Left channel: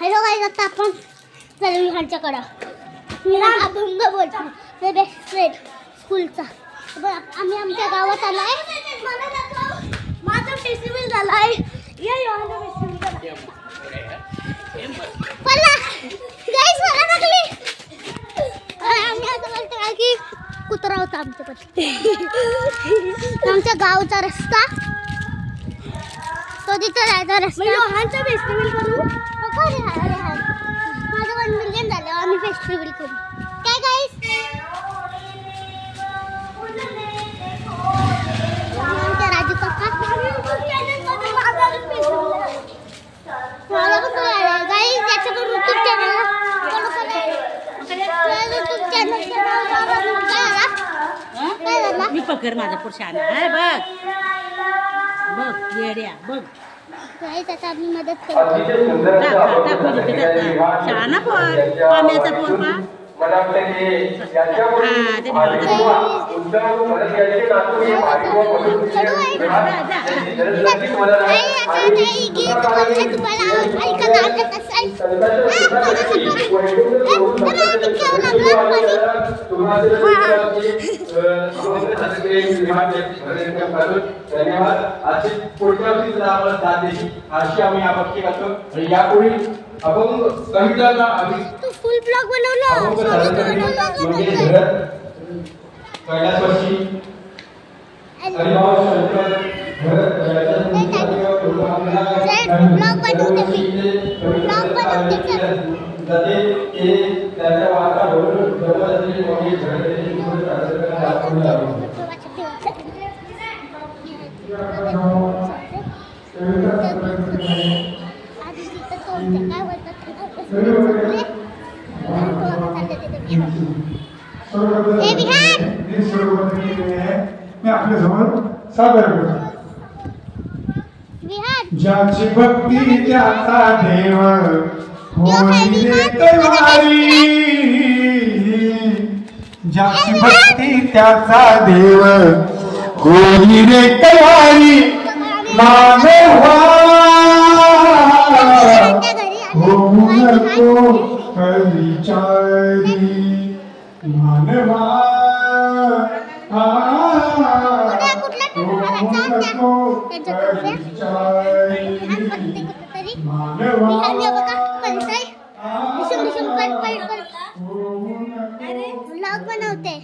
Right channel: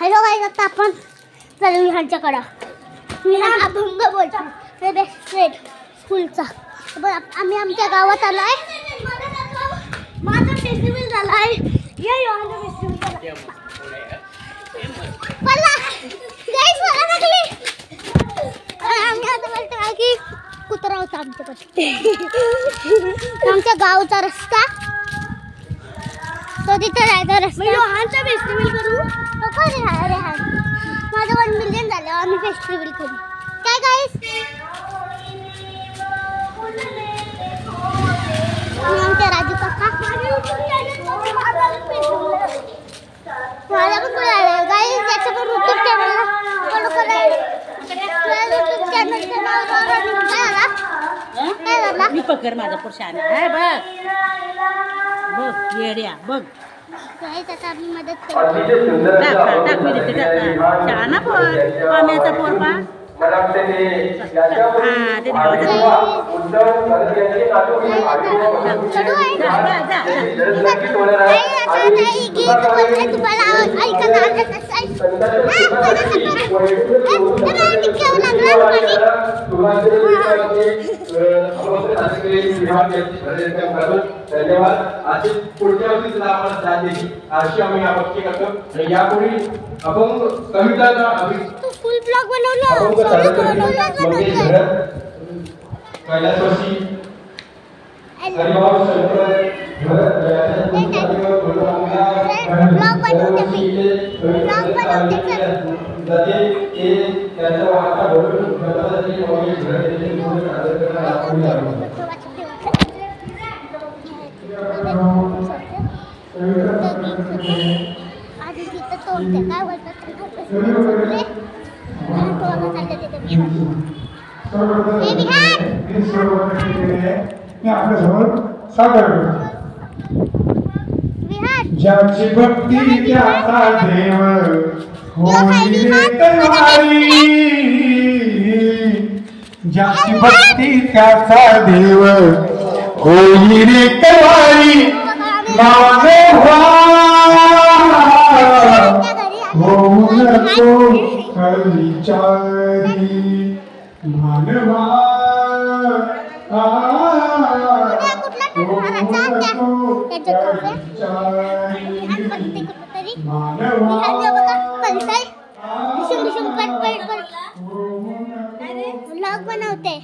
Hello guys, आता आपण चालू ह्यांच्याकडं. मी अभंग बोलतो, हे बेस्ट फ्रेंड स्कूलचा. आम्ही आमच्या गावात आलाय. माझा फेस्टिवल झालाय. की कुत्रा होता आमच्याकडे. आमच्या गावचा रस्ता तो तिथे जायचा रस्ता. रोहनचा फेस्टिवल करू. अरे हा माझं 1 मिलियन झालं. आम्ही फेस्टिवल करू काय गाईस. आमचे राजू काका मला पण गाईस याच्या पण यूट्यूब चॅनलला फॉलो करा. यूट्यूब चॅनलचं नाव काय झाला मी पकड माझ्या पुरुषाने बघ बघ येड्या बघ. आता आम्ही मदत करतो. शाळा पण आम्याचा पोरपा धन्यवाद. अशी पुढच्या वर्षी सुद्धा आम्हाला साथ द्यायची अशी आम्ही अपेक्षा करतो. आणि यापुढे आपण कवितांना आम्ही फुल ब्लॉग बनवलं कैलासवासी हरिभाऊ शंकर मी आपल्या समोर सादर करतो. ज्याची भक्ती त्याचा देव होई रे तैवारी. ज्याची भक्ती त्याचा देव होई रे तैवारी. मानवा होऊ नको विचारी. मानवा बनवते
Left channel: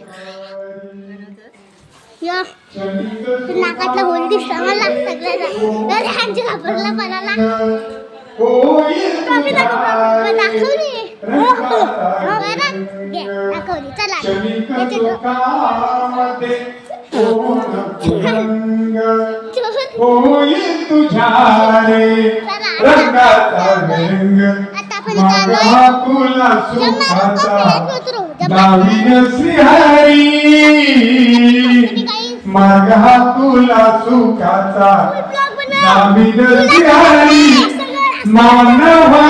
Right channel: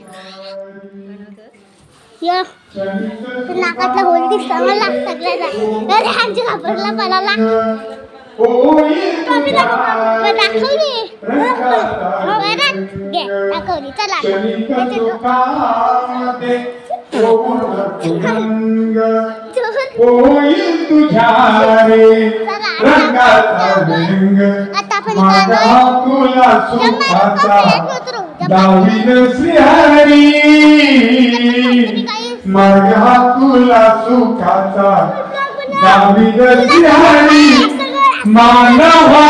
नाकातला होल दिसता मला सगळ्यांना घाबरला पडायला. दाखवली चला आता मार्ग तुला सुखाचा दाविद श्रीहरी. मानवा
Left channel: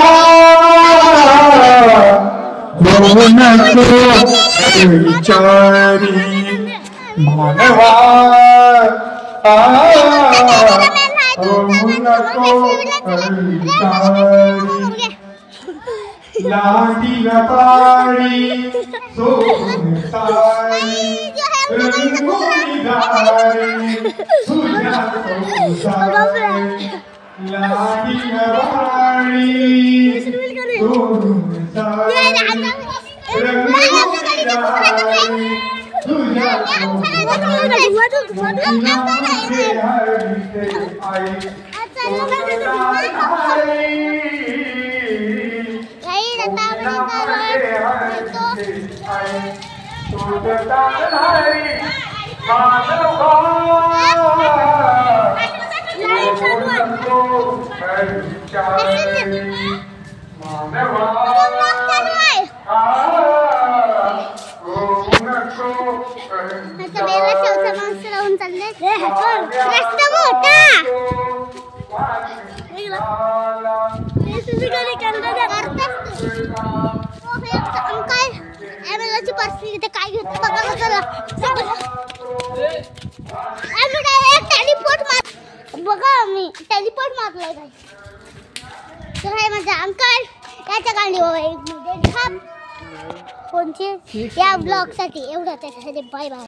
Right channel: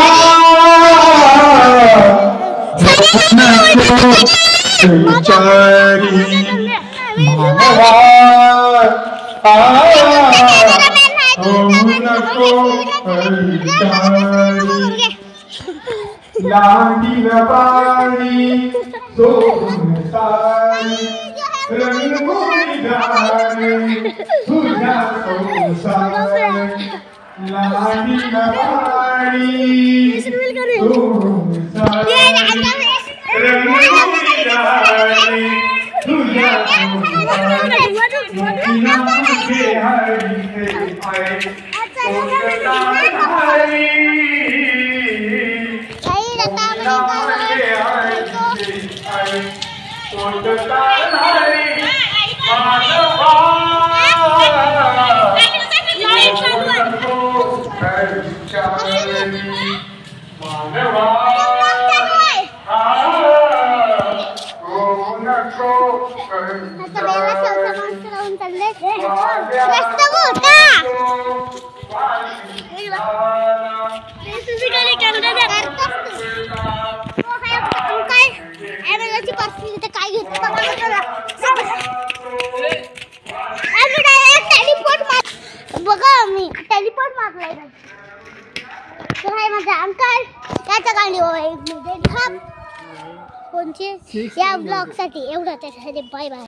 होऊ नको विचारी. मानवा होऊ नको विचारी. लाडीला पाडी सोन सारी रंगोळी गारी तुझ्या संसारी. लाडीला पाडी सोन सारी रंगोळी गारी तुझ्या परिस्थिती काय बघा मी टेलिपोर्ट मारलाय. तर आहे माझा अंकल. त्याच्या गाडीवर एक मिनिट थांब. कोणची या ब्लॉगसाठी एवढं त्याच्यासाठी बाय बाय.